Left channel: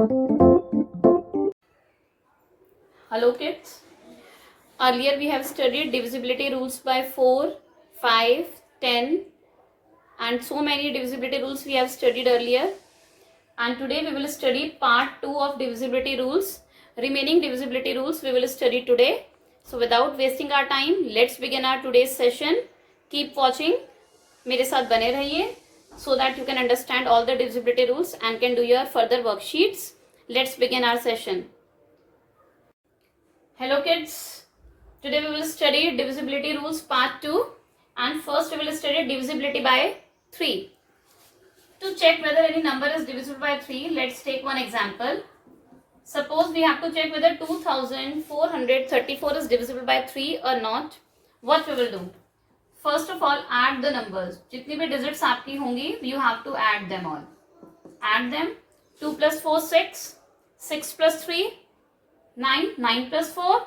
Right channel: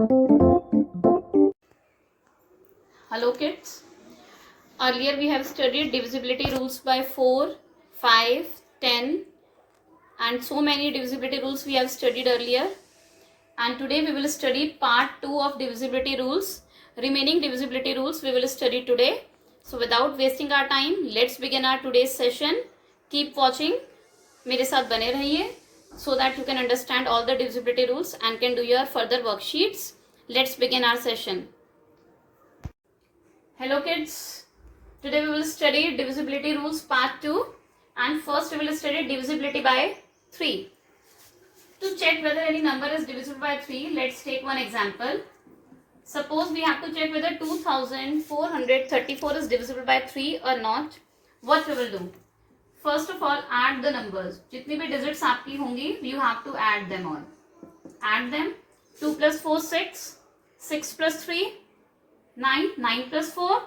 Hello kids. Earlier we have studied divisibility rules by 4, 5, 10 and so many divisibility rules we have studied earlier. And today we will study part 2 of divisibility rules. Remaining divisibility rules we will study today. So without wasting our time, let's begin our today's session. Keep watching. मेरे साथ बने रहिए so that you can understand all the divisibility rules and can do your further worksheets. Let's begin our session. Hello kids. Today we will study divisibility rules part 2 and first we will study divisibility by 3. To check whether any number is divisible by 3, let's take one example. Suppose we have to check whether 2434 is divisible by 3 or not. What we will do? First of all, add the numbers. जितनी भी digits आपकी होंगी, you have to add them all. Add them. 2 plus 4, 6. 6 plus 3, 9. 9 plus 4,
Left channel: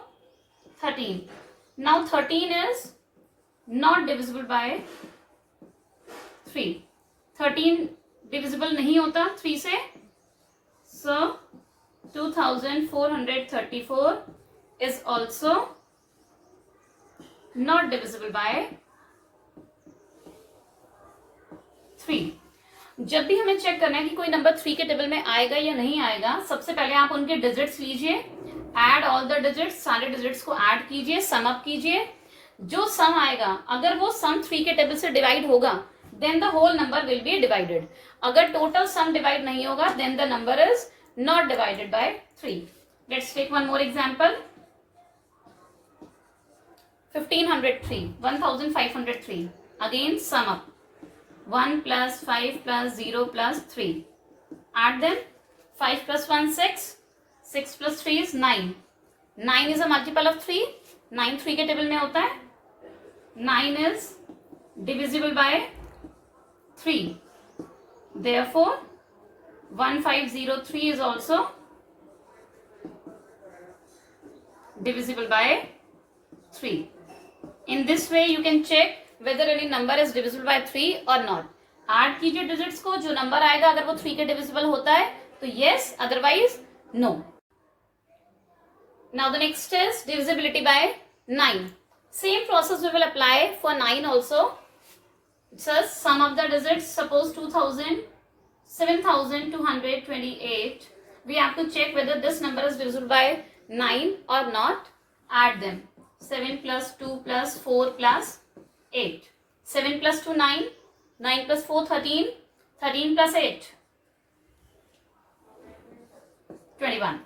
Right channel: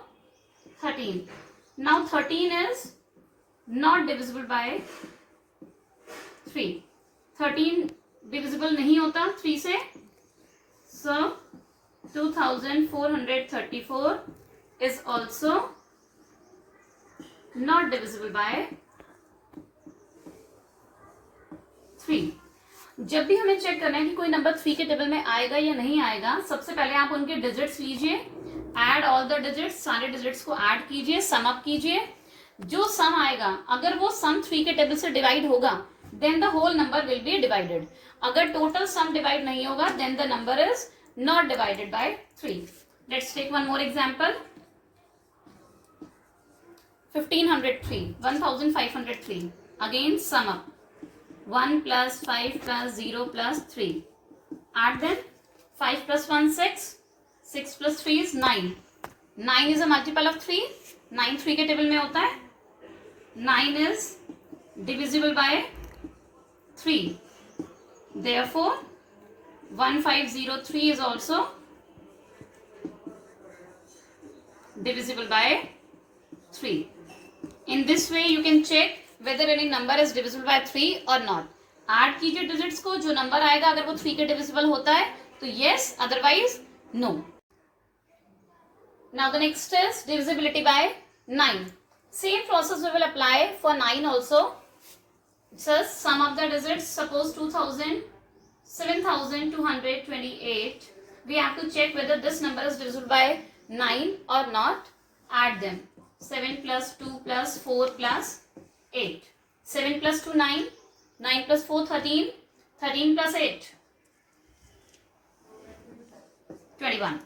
13. Now 13 is not divisible by 3. 13 divisible नहीं होता 3 से. So 2434 is also not divisible by 3. जब भी हमें चेक करना है कि कोई नंबर 3 के टेबल में आएगा या नहीं आएगा, सबसे पहले आप उनके डिजिट्स लीजिए, ऐड ऑल द डिजिट्स, सारे डिजिट्स को ऐड कीजिए, सम अप कीजिए. जो सम आएगा, अगर वो सम 3 के टेबल से डिवाइड होगा, then the whole number will be divided. अगर टोटल सम डिवाइड नहीं होगा, then the number is not divided by 3. Let's take one more example. 1503. Again sum up. 1 plus 5 plus 0 plus 3. Add them. 5 plus 1, 6. 6 plus 3 is 9. 9 is a multiple of 3. 9 3 के table में होता है. 9 is divisible by 3. Therefore, 1503 is also divisible by 3. In this way, you can check whether any number is divisible by 3 or not. Add कीजिए digits को, जो number आएगा अगर वो 3 के divisible होता है तो yes, otherwise no. Now the next is divisibility by 9. Same process we will apply for 9 also. It says sum of the digits. Suppose 7228. We have to check whether this number is divisible by 9 or not. Add them. 7 plus 2 plus 4 plus 8. 7 plus 2, 9. 9 plus 4, 13. 13 plus 8, 21.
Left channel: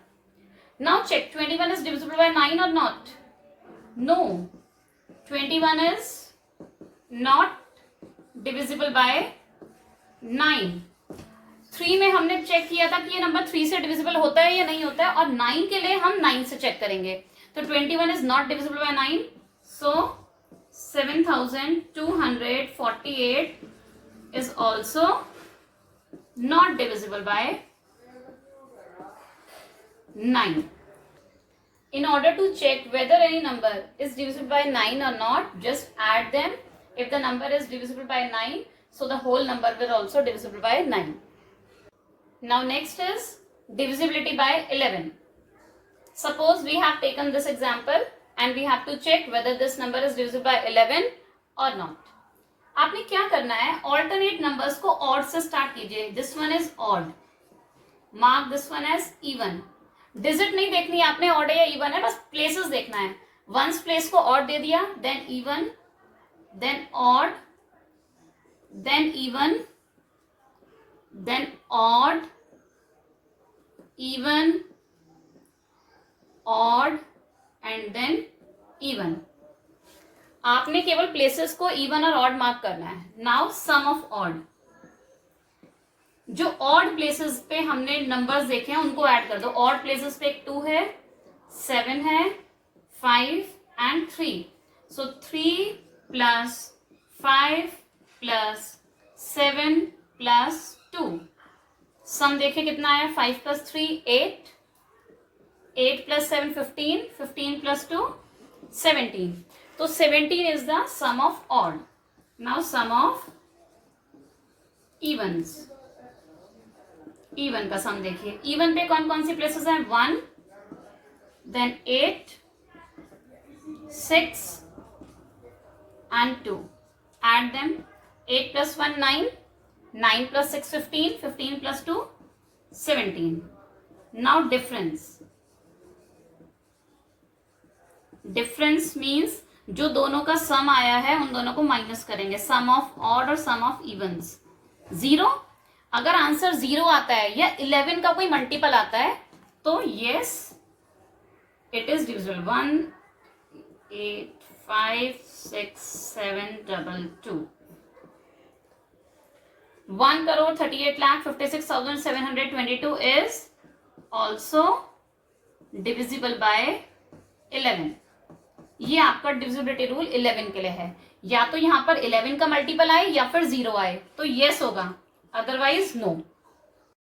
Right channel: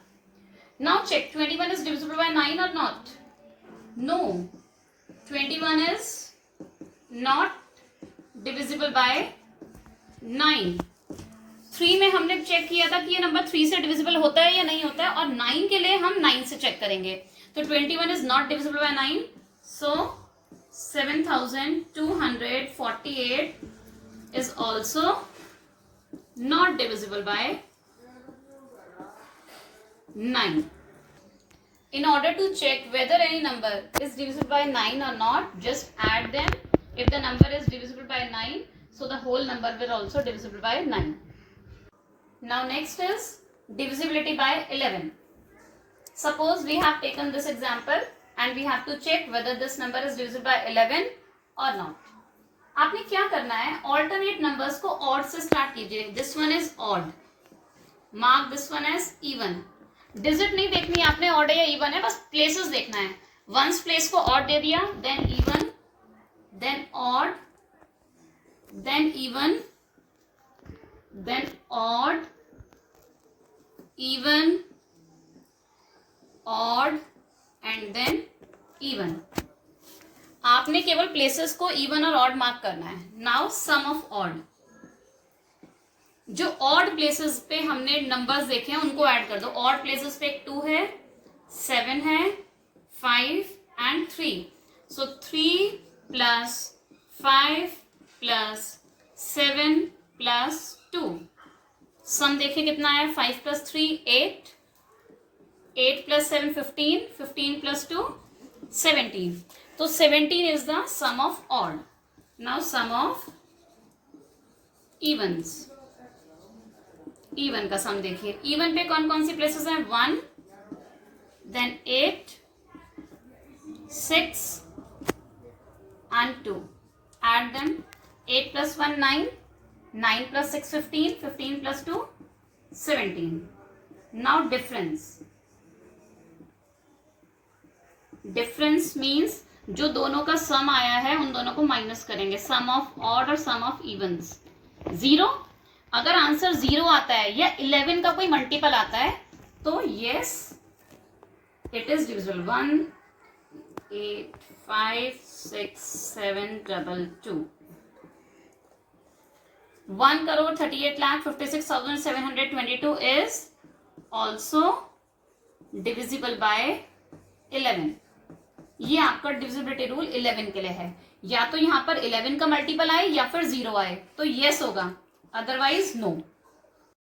Now check, 21 is divisible by 9 or not? No. 21 is not divisible by 9. 3 में हमने check किया था कि ये number 3 से divisible होता है या नहीं होता है, और 9 के लिए हम 9 से चेक करेंगे. तो 21 is not divisible by 9. So 7248 is also not divisible by 9. In order to check whether any number is divisible by 9 or not, just add them. If the number is divisible by 9, so the whole number will also divisible by 9. Now next is divisibility by 11. Suppose we have taken this example and we have to check whether this number is divisible by 11 or not. आपने क्या करना है, alternate numbers को odd से start कीजिए. This one is odd. Mark this one as even. Digit नहीं देखनी आपने odd है या even है, बस places देखना है. Ones place को odd दे दिया, then even, then odd, then even, then odd, even, odd and then even. आपने केवल प्लेसेस को इवन और ऑड मार्क करना है. Now sum of odd. जो ऑड प्लेसेस पे हमने नंबर्स देखे हैं उनको ऐड कर दो. ऑड प्लेसेस पे 2 है, 7 है, 5 and 3. So 3 plus 5 plus 7 plus 2. सम देखे कितना है. 5 plus 3 8. 8 plus 7 15. 15 plus 2 17. So 17 is the sum of odd. Now sum of evens. Even का सम देखिए, इवन पे कौन कौन सी प्लेसेस हैं, 1, then 8, 6 and 2. Add them. 8 plus 1 9, 9 plus 6 15, 15 plus 2 17. Now difference. Difference means जो दोनों का सम आया है उन दोनों को माइनस करेंगे, सम ऑफ ऑड और सम ऑफ इवन्स. 0, अगर आंसर 0 आता है या 11 का कोई मल्टीपल आता है तो yes it is divisible. 1 8 5 6 7 2 2. 1,38,56,722 is also divisible by 11. ये आपका डिविजिबिलिटी रूल 11 के लिए है. या तो यहां पर 11 का मल्टीपल आए या फिर 0 आए तो यस होगा, अदरवाइज नो.